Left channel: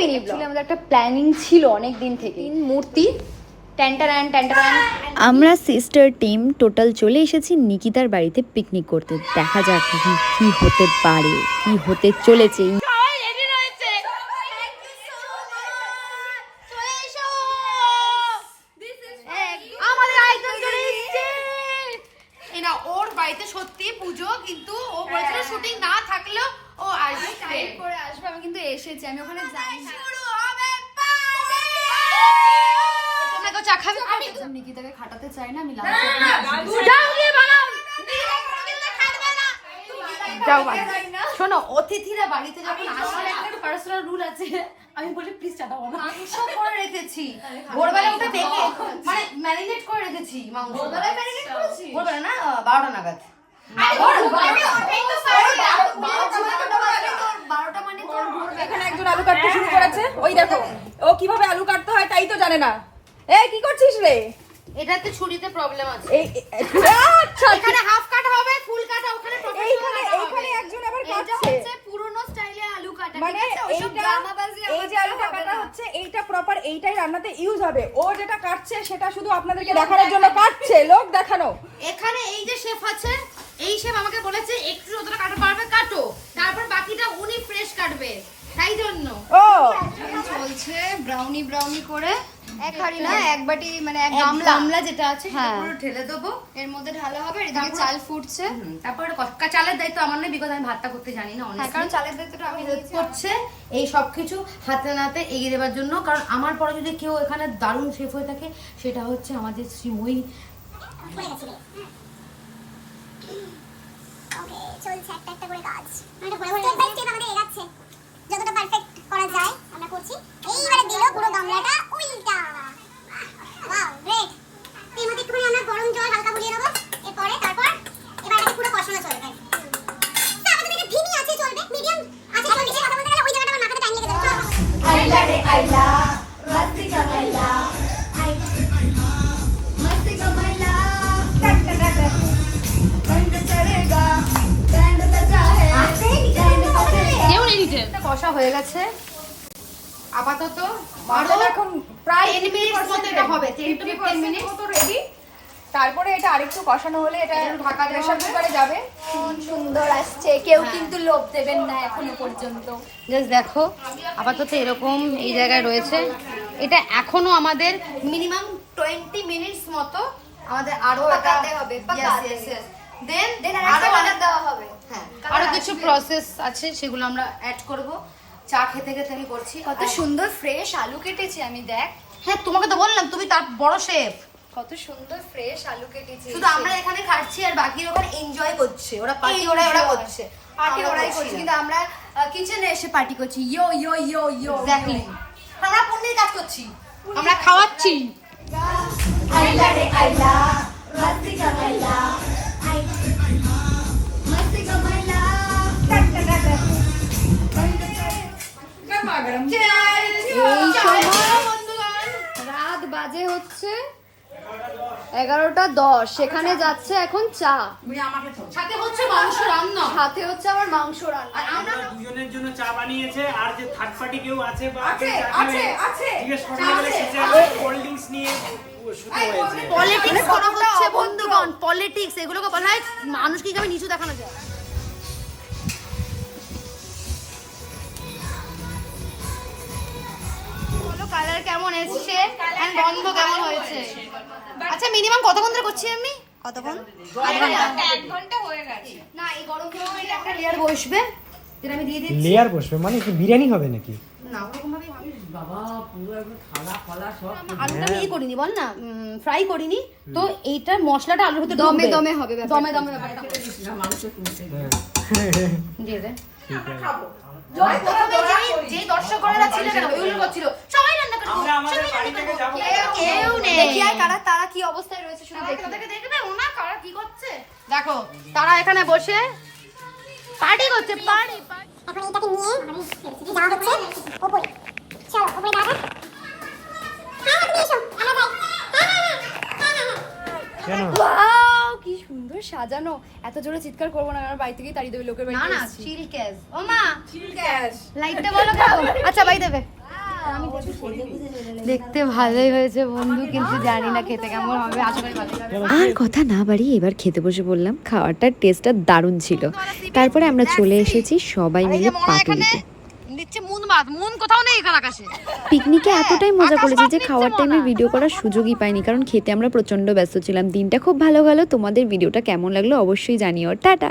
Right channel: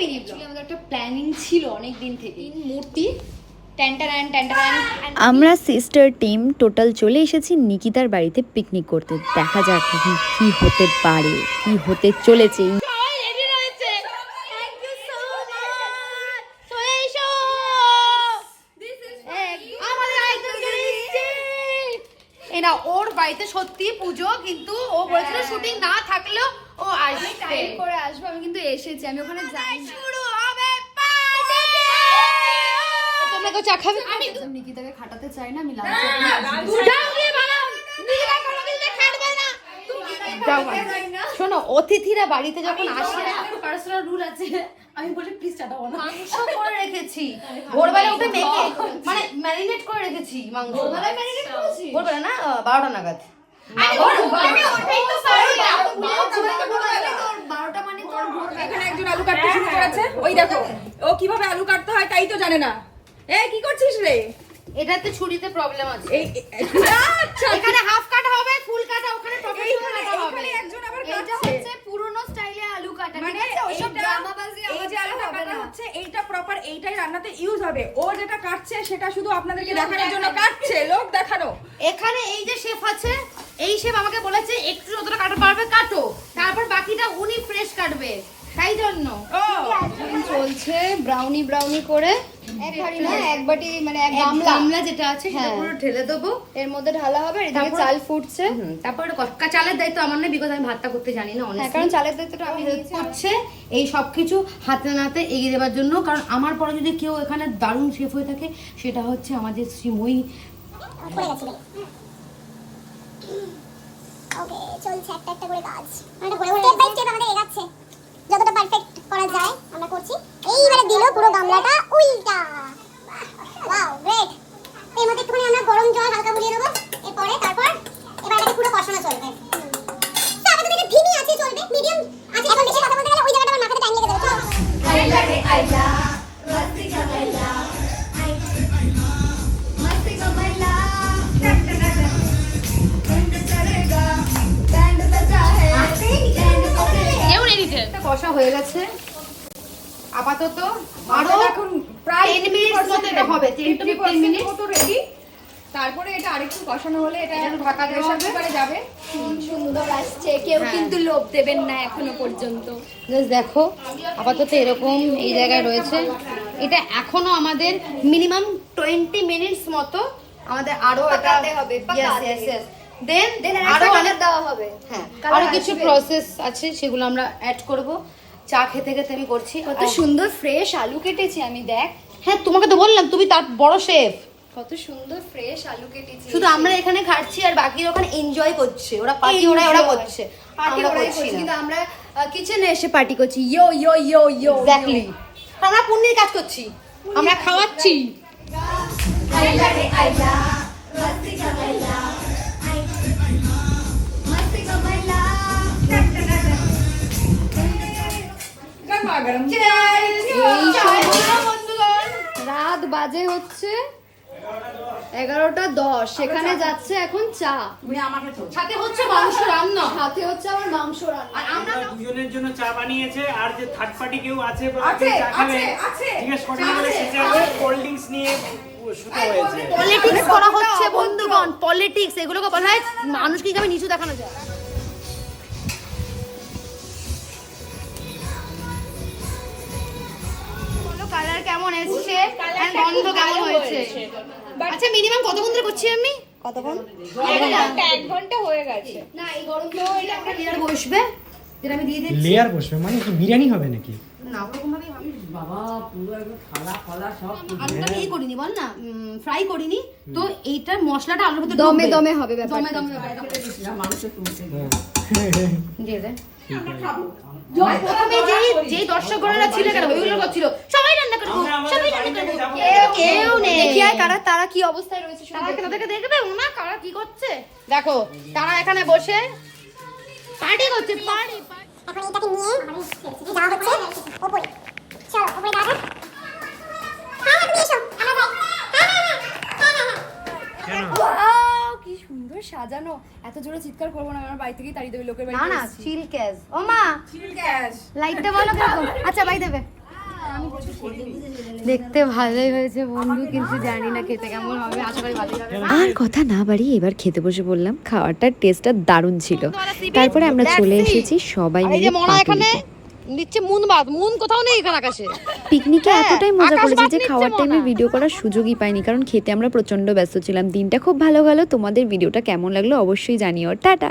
Mini blog. আমাদের একটা planning ছিল অনেক দিন থেকে মূর্তি ট্যান্টারান ট্যান্টারান। আমরা সিস্টার টিম টোটাল চলে এসেছি নিকিতার বাড়িতে পিকনিক করতে। দেখা যাক এখন কি হতে পারে কি হতে চলেছে এই আমাদের আরেকজন চলে এসেছে। এই না ওর বাড়িতে সত্যি পুজো কিন্তু ও বলেছিল শুটিং না থাকলেও ও আসবে টাইম করে আসবে আমি কিন্তু এসেছি আমি ওখানে যাই না শুরু হবে তোমরা কেউ চা খাবে আমি নিকিতাকে খাটাতে চাই না আমি যাও গিয়ে বানাও কোনোদিন খাটবে না। শোনো অতিথিরা বাড়িতে যখন আসে একটা পার্সোনাল রুল আছে আমি বলি প্লিজ টাটা বানা মাংস করে রেখেছি। ভোরবেলা উঠে মেখে মানে ম্যারিনেট করে রেখেছি মাংস। ভোরবেলা না বারোটা নাগাদ। বারোটা মানে এখানে একজন আলু কাটতে শুরু করেছে। ওই দেখো ও কীভাবে আলু কাটতে হয় তাই তো জানে না। এই কি করছিস রে? এটাতে ছুরিতে প্রবলেম আছে। এই এই- আচ্ছা এখানে হাফ কাটা হবে ফুল কাটা ওখানে এইখানে প্রফেশনাল হবে এইখানে একজন আবার এটা কাটছে হচ্ছে পুরনো স্টাইলে আলু কাটা ঠিক মানে আছে ওইসব এইটা- ড্রামাবাজি এই যে আলুটা কাটা হচ্ছে এইটা প্রপার এইটাই রান্নাতে ইউজ হবে। ও যেটা কাটছে সেটা শুধু আপনাদেরকে দেখানোর জন্য কাটছে লোক দেখানো। এখানে এই যে শেফ আছে এই শেফ আমাকে বলেছে একটু যতটা কাটা পারবে কাটো তারপর বাকিটা উনি ফ্রেশ কাটবে তাই জন্য। ও চলছে ব্রাউনি ব্রাউনি করে এক হাঁড়ি না এক বাটি মানে এক গামলা। গামলা যেটা আছে সেটা হ্যাঁ। পুরো ঢেলে দেবো। এর মধ্যে ঢালা হবে আর এদিকে চাল ফুটছে। তারপরে কটকা চালের দায়িত্ব আমার নয় বিকজ আমি ভাতটা করতে জানি না হ্যাঁ honestly। কারণ চালের দায়িত্বটা আমি নিয়েছি করছে এই সব কিছু হাতে নাতে এগিয়ে দেওয়ার জন্য কারণ আমার পরে যদি কেউ এখানে দারুণ শেফ হয়ে থাকে সেটা হচ্ছে আমাদের শ্রীময়ী। ওকে চলছে একটা একটা করে কাজ। ঘরে স্টেপ বাই স্টেপ আমাদের এগাচ্ছে। যতটা পারফেক্ট করা যায় আমরা করছি। এইবারে দিল পুরো গামলাটা উল্টা। হয়ে গেছে। আপাতত আরও এখন প্রায় 10 মিনিটস মতো এটা হবে 10 মিনিট মতো রেডি তারপরে এটা আরেকটু কষানো হলে এটা ঢাকা দেওয়া প্রেসার কুকারে যাবে। সুন্দর আসছে। কেউ হ্যাঁ। কিন্তু লোভ দেবেন না এখনও পর্যন্ত। জাস্ট দেখো আপাতত এরকম এই জায়গায় রয়েছে। এটা এখনও আমাদের মিনিমাম টোয়েন্টি মিনিটস মতো আমাদের আরও হবে, পাকাতে। দেন দেন আরও আরও অনেক দেওয়া হবে। হ্যাঁ আরও কিছু প্রসেস আছে সেগুলো আমরা অ্যাড করব। চা খেতে খেতে আমি করছি। কত সুন্দর ফ্রেশ আলু কেটেছি আমি দেখ। হ্যাঁ তোমাকে তো বললাম তুমি তার বড় শেফ কত সুন্দর ফ্রেশ আলু কেটেছি। শুধু আমরা এখানে খাচ্ছি আর বাকিরা ওখানে এনজয় করছে। ওরা পার্টি ওরা ওরা করছে। পার্টি ওরা করছি। কিন্তু আমরা কিচেনে এসে পার্টি করছি। ইয়ো ইয়ো ইয়ো ইয়ো এক্স্যাক্টলি আমরা পুণ্যের কাজ করছি। আমরা খাওয়াচ্ছি। গরমা রাত বাজে হচ্ছে এগারোটা দশ। সেখানে যাচ্ছে এখন চা। সাথে হচ্ছে মাংস রান্না। সাথে হচ্ছে আমার মাংস রান্না। আর আমরা আমরা দুজনের জন্য চা বানিয়েছে আর যে থার্ড পার্টি কেউ আছে। জিজ্ঞেস কোল্ড ড্রিঙ্কস নিয়ে পলিটিক্স করা হচ্ছে বন্ধুগণ পলিটিক্স এগুলোকে বলা হয় মানুষকে কীভাবে নিচু দেখানো যায়? কালার কেমন এসছে? আর গন্ধ কেমন হয়েছে? আচ্ছা মিনিমাম কতক্ষণ ধরে করছি আমি? কতক্ষণ এক ঘণ্টা হয়ে গেছে। না এই গরম একটা লেয়ার বসবে যেটা আমি দিয়ে দিচ্ছি। লেয়ার বসবে মানে কি বিরিয়ানি হবে নাকি? না ওরকম ভাবে আমি আমি তো ইয়ে করিনি বল না ফ্রাই করিনি। তো এইটা মশলাটা আলুর ভিতরে দমে দমে হবে ব্যাপারটা। দমে দমে ব্যাপারটা। দিয়ে দে। প্রথমে যেই যেই দর্শকরা ছিল কেন ওইগুলো করছিল। সবাই কেউ নেই। দেখি আর কারা তারা কি অবস্থায় রয়েছে দেখি। এখান থেকে দেখবে ওনা কারা কি করছে? দেখো তারা এখানে বসে পার্টি করছে পার্টি এখন এটাকে নিয়ে আমাদের ফেলছি হচ্ছে ওপরে চলো ওপরে দেখো তুমি এসো আমরা যাই Wow, কি সুন্দর সাজানো। এত জোরে চিৎকার করব না আমার বাড়ি থেকেই তাড়িয়ে দেবে লোকের না বাড়িতে না এসেছি। চিল ক্যাশ ও মা গ্যাস লাইটটা বলো আচ্ছা বাই দেবে দেখতে ভালোই হয়েছে বন্ধু কিন্তু জানি না খেতে কেমন হবে আশা করি আর কথা না বাড়িয়ে এবার খেতে বসে বললাম খাওয়াটার টেস্টটা দারুণ ছিল। তারপরে আমরা চলে এসেছি সবাই মিলে পাটুলিতে নিচ্ছে মুন বাদ মুন কোথাও নেই এখানে আকাশে। পিকনিকে এতটাই মজা করেছি যে খাওয়ার টাইমে ভিডিও করার সুযোগই পাইনি কারণ খেতে আমরা প্রচণ্ড ব্যস্ত ছিলাম। দিনটা খুব ভালো গেল তোমাদের ভিডিওটা কেমন লাগল অবশ্যই জানিও। টাটা!